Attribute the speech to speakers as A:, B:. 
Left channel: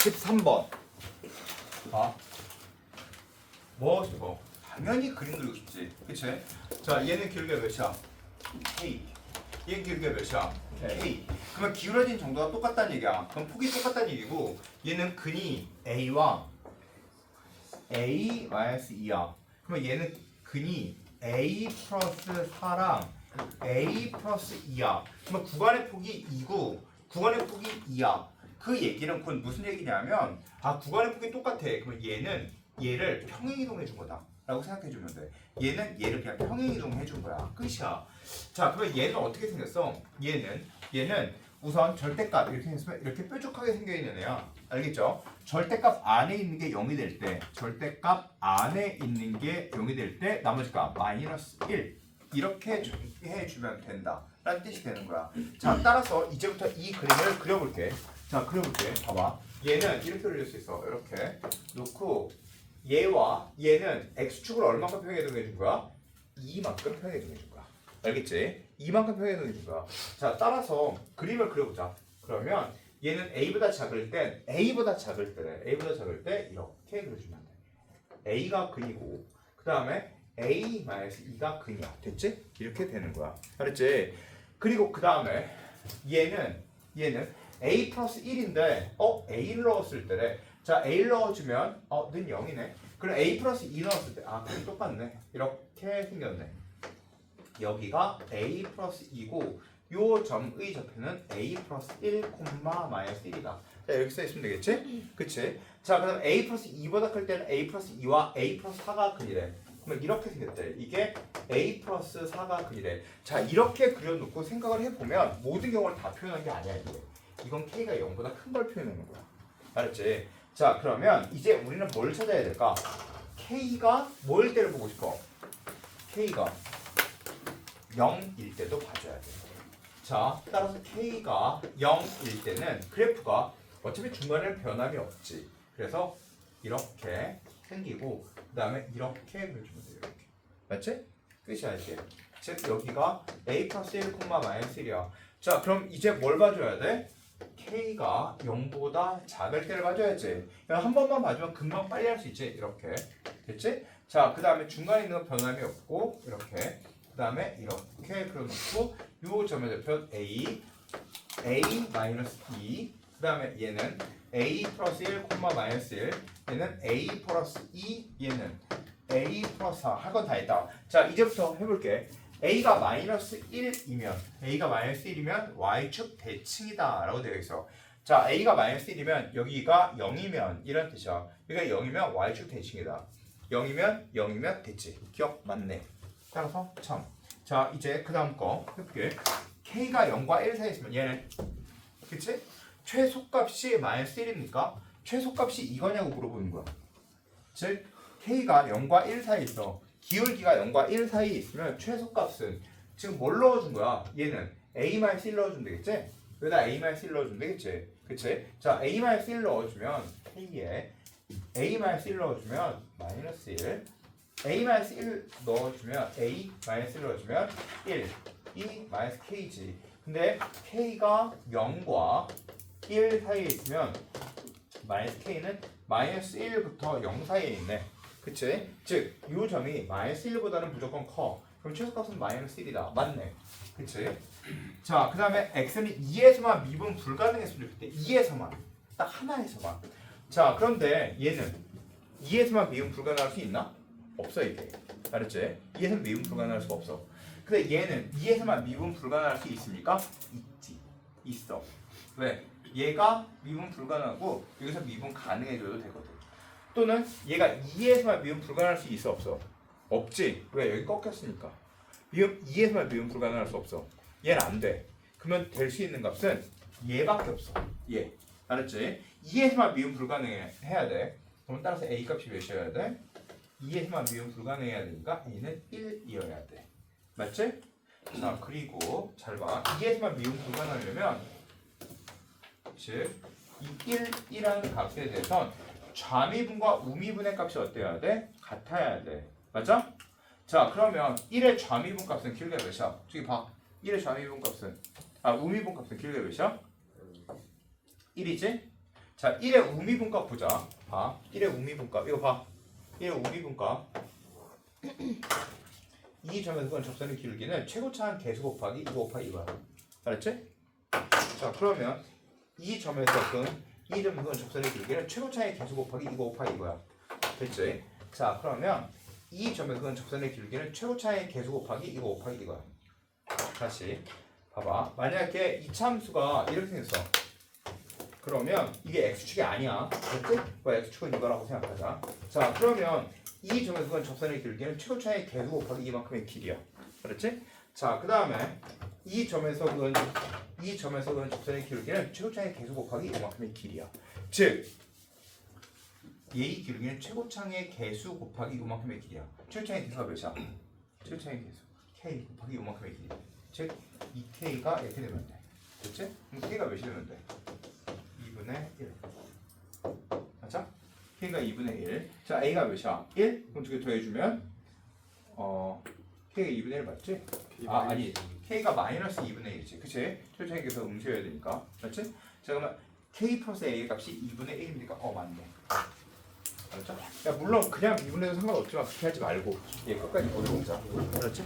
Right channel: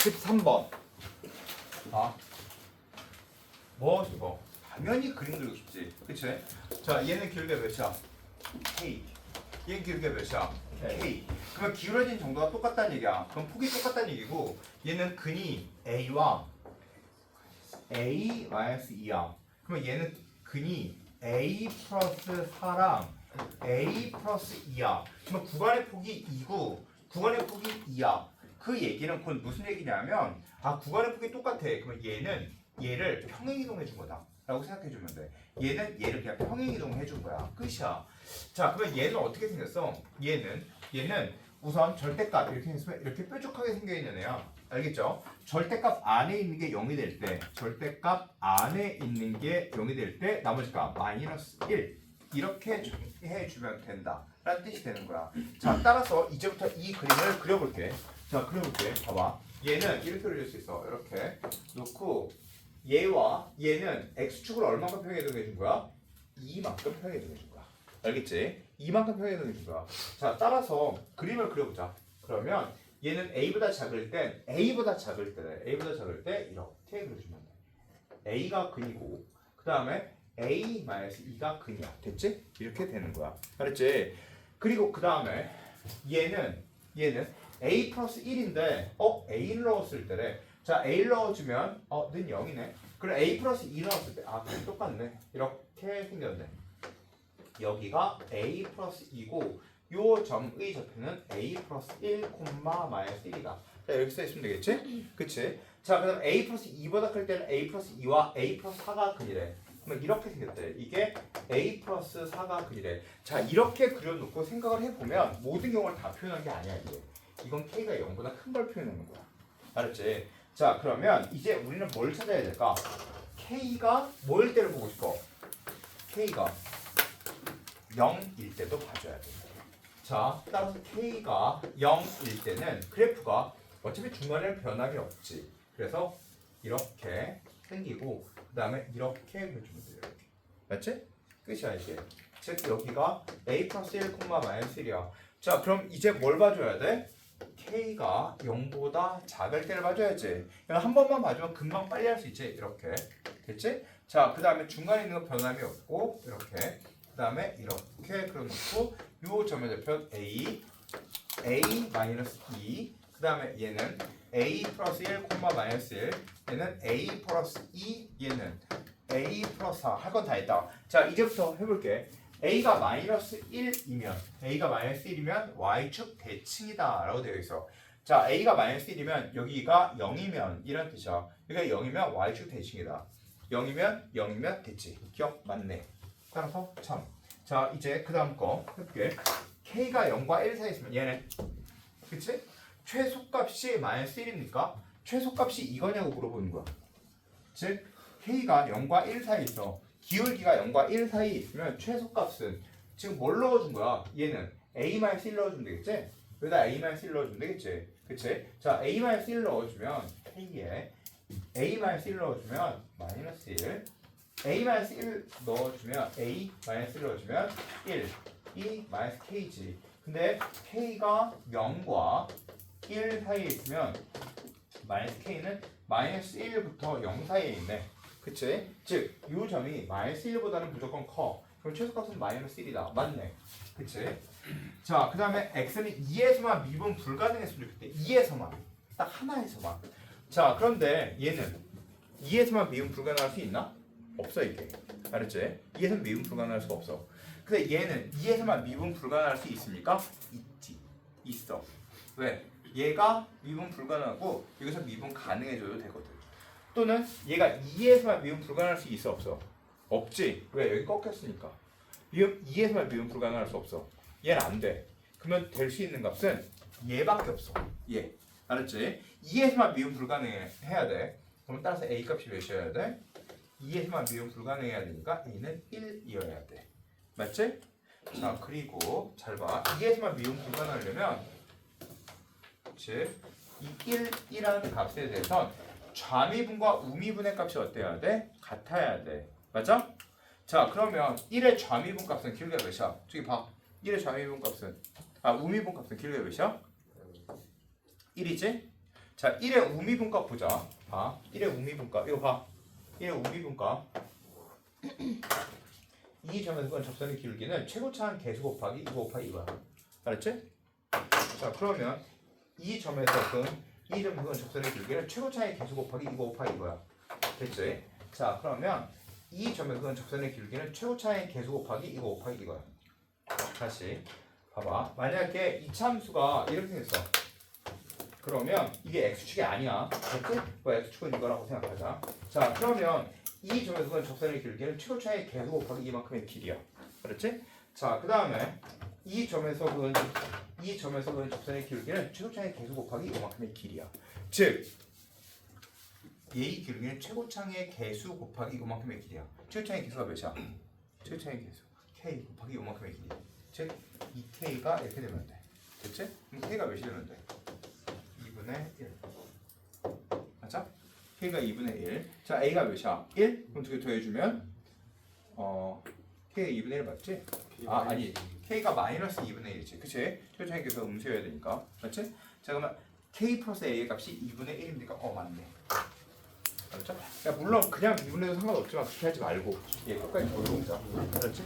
A: 13번. 아. 뭐, 뭐. 당연히 그림 그리고 싶지. 그치? 자, 얘는 길이가 몇이야? K. 얘는 길이가 몇이야? K. 그러면 기울어진 정도가 똑같다는 얘기야. 그럼 폭이 똑같다는 얘기고, 얘는 근이 A와 A 마이너스 2야. 그러면 얘는 근이 A 플러스 4랑 A 플러스 2야. 그러면 구간의 폭이 2고 구간의 폭이 2야. 그 얘기는 그건 무슨 얘기냐면 아 구간의 폭이 똑같아. 그러면 얘는 얘를 평행 이동해 준 거다. 라고 생각해 주면 돼. 얘는 얘를 그냥 평행 이동해 준 거야. 끝이야. 자, 그러면 얘는 어떻게 생겼어? 얘는 얘는 우선 절대값 이렇게 생겼으면 이렇게 뾰족하게 생겨 있는 애야. 알겠죠? 절대값 안에 있는 게 0이 될 때, 절대값 안에 있는 게 0이 될 때 나머지 값 마이너스 1 이렇게 주- 해주면 된다. 라는 뜻이 되는 거야. 자, 따라서 이제부터 이 그림을 그려볼게. 자, 그려볼게. 봐봐. 얘는 이렇게 그릴 수 있어. 이렇게 놓고 얘와 얘는 x축을 얼마큼 평행해 준 거야? 2만큼 평행해 준 거야. 알겠지? 2만큼 평행해 준 거야. 자, 따라서 그림을 그려보자. 그러면 얘는 a보다 작을 땐 a보다 작을 때래. a보다 작을 때 이렇게 그려주면 돼. a가 근이고 그 다음에 a 2가 근이야. 됐지? 이렇게 되는 거야. 알았지? 그리고 그 다음에 얘는 얘는 a 플러스 1인데 어 a를 넣었을 때래. 자 a를 넣어주면 어 는 0이네. 그럼 a 플러스 2 넣었을 때 아 그럼 똑같네. 이렇게 생겼네. 여기가 a 플러스 2고 요 점의 좌표는 a 플러스 1, 마이너스 1이다. 자 여기 써 있으면 되겠지? 그치? 자 그럼 a 플러스 2보다 클 때는 a 플러스 2와 a 플러스 4가 근이래. 그러면 이렇게 생겼대. 이게 a 플러스 4가 근이래. 자 이렇게 그려놓고 생각을 해보면 모든 경우를 다 표현한 게 아니야 이게. 이건 k가 0보다 큰 걸 표현하는 거야. 알았지? 자 그러면 이제 우리는 뭘 찾아야 될까? k가 뭐일 때를 보고 싶어? k가 0일 때도 봐줘야 돼. 자, 따라서 k가 0일 때는 그래프가 어차피 중간에는 변함이 없지. 그래서 이렇게 생기고 그 다음에 이렇게 그려주면 돼요. 이렇게. 맞지? 끝이야 이게. 즉 여기가 a 플러스 1, 마이너스 1이야. 자, 그럼 이제 뭘 봐줘야 돼? K가 0보다 작을 때를 봐줘야지. 한 번만 봐주면 금방 빨리 할 수 있지. 이렇게. 됐지? 자, 그 다음에 중간에 있는 건 변함이 없고 이렇게. 그 다음에 이렇게 그려놓고 요 점의 좌표 a, a 마이너스 2. 그 다음에 얘는 a 플러스 1, 마이너스 1. 얘는 a 플러스 2. 얘는 a 플러스 4. 할 건 다 했다. 자, 이제부터 해볼게. A가 마이너스 1이면 a가 마이너스 1이면 y축 대칭이다 라고 되어 있어. 자 a가 마이너스 1이면 여기가 0이면 이런 뜻이야. 여기가 0이면 y축 대칭이다. 0이면 0이면 대칭. 기억 맞네. 따라서 참 자 이제 그 다음 거 해볼게. K가 0과 1 사이에 있으면 얘는 그치? 최소값이 마이너스 1이니까? 최소값이 이거냐고 물어보는 거야. 즉 k가 0과 1 사이에 있어 기울기가 0과 1 사이에 있으면 최소값은 지금 뭘 넣어준 거야? 얘는 a-1 넣어주면 되겠지? 여기다 a-1 넣어주면 되겠지? 그치? 자, a-1 넣어주면 k에 a-1 넣어주면 마이너스 1 a-1 넣어주면 a-1 넣어주면 1이 마이너스 k지 근데 k가 0과 1 사이에 있으면 마이너스 k는 마이너스 1부터 0 사이에 있네 그치? 즉, 이 점이 마이너스 1보다는 무조건 커. 그럼 최소값은 마이너스 1이다. 맞네. 그치? 자, 그 다음에 x는 2에서만 미분 불가능했으면 좋겠대. 2에서만. 딱 하나에서만. 자, 그런데 얘는 2에서만 미분 불가능할 수 있나? 없어, 이게. 알았지? 2에서는 미분 불가능할 수가 없어. 근데 얘는 2에서만 미분 불가능할 수 있습니까? 있지. 있어. 왜? 얘가 미분 불가능하고 여기서 미분 가능해줘도 되거든. 또는 얘가 2에서만 미분 불가능할 수 있어 없어? 없지. 왜? 여기 꺾였으니까. 미분 2에서만 미분 불가능할 수 없어. 얘는 안 돼. 그러면 될 수 있는 값은 얘밖에 없어. 얘. 알았지? 2에서만 미분 불가능해야 돼. 그럼 따라서 a 값이 몇이어야 돼? 2에서만 미분 불가능해야 되니까 a는 1이어야 돼. 맞지? 자 그리고 잘 봐. 2에서만 미분 불가능하려면 즉 이 1, 1이라는 값에 대해선 좌미분과 우미분의 값이 어때야 돼? 같아야 돼. 맞죠? 자, 그러면 1의 좌미분 값은 길게 몇이야? 저기 봐. 1의 좌미분 값은 아, 우미분 값은 길게 몇이야? 1이지? 자, 1의 우미분 값 보자. 봐. 1의 우미분 값. 이거 봐. 1의 우미분 값. 이 점에서 그 접선의 기울기는 최고차항 개수 곱하기 2 곱하기 이거야. 알았지? 자, 그러면 이 점에서 그 이 점에서 그 접선의 기울기는 최고차항의 개수 곱하기 2 곱하기 이거야. 됐지? 자, 그러면 이 점에서 그 접선의 기울기는 최고차항의 개수 곱하기 2 곱하기 이거야. 다시 봐봐. 만약에 이 참수가 이렇게 생겼어. 그러면 이게 x축이 아니야. 됐지? 뭐 x축은 이거라고 생각하자. 자, 그러면 이 점에서 그 접선의 길기는 최고 차의 개수 곱하기 이만큼의 길이야. 그렇지? 자, 그 다음에 이 점에서 그은 이 점에서 그은 접선의 길기는 최고차의 개수 곱하기 이만큼의 길이야. 즉, 얘의 길이는 최고차의 개수 곱하기 이만큼의 길이야. 최고차의 개수가 몇이야? 최고차의 개수 k 곱하기 이만큼의 길이. 즉, 이 k가 이렇게 되면 돼. 됐지? 그럼 k가 몇이 되면 돼? 2분의 1. 맞죠? k가 2분의 1. 자, a가 몇이야? 1? 그럼 두 개 더해주면 어 k가 2분의 1 맞지? 아, 아니. k가 마이너스 2분의 1이지. 그치? 최종에게서 음수여야 되니까. 맞지? 자, 그러면 k 플러스 a 값이 2분의 1이니까 어, 맞네. 알았죠? 야, 물론 그냥 미분해도 상관없지만 그렇게 하지 말고 얘 끝까지 보여보자. 알았지?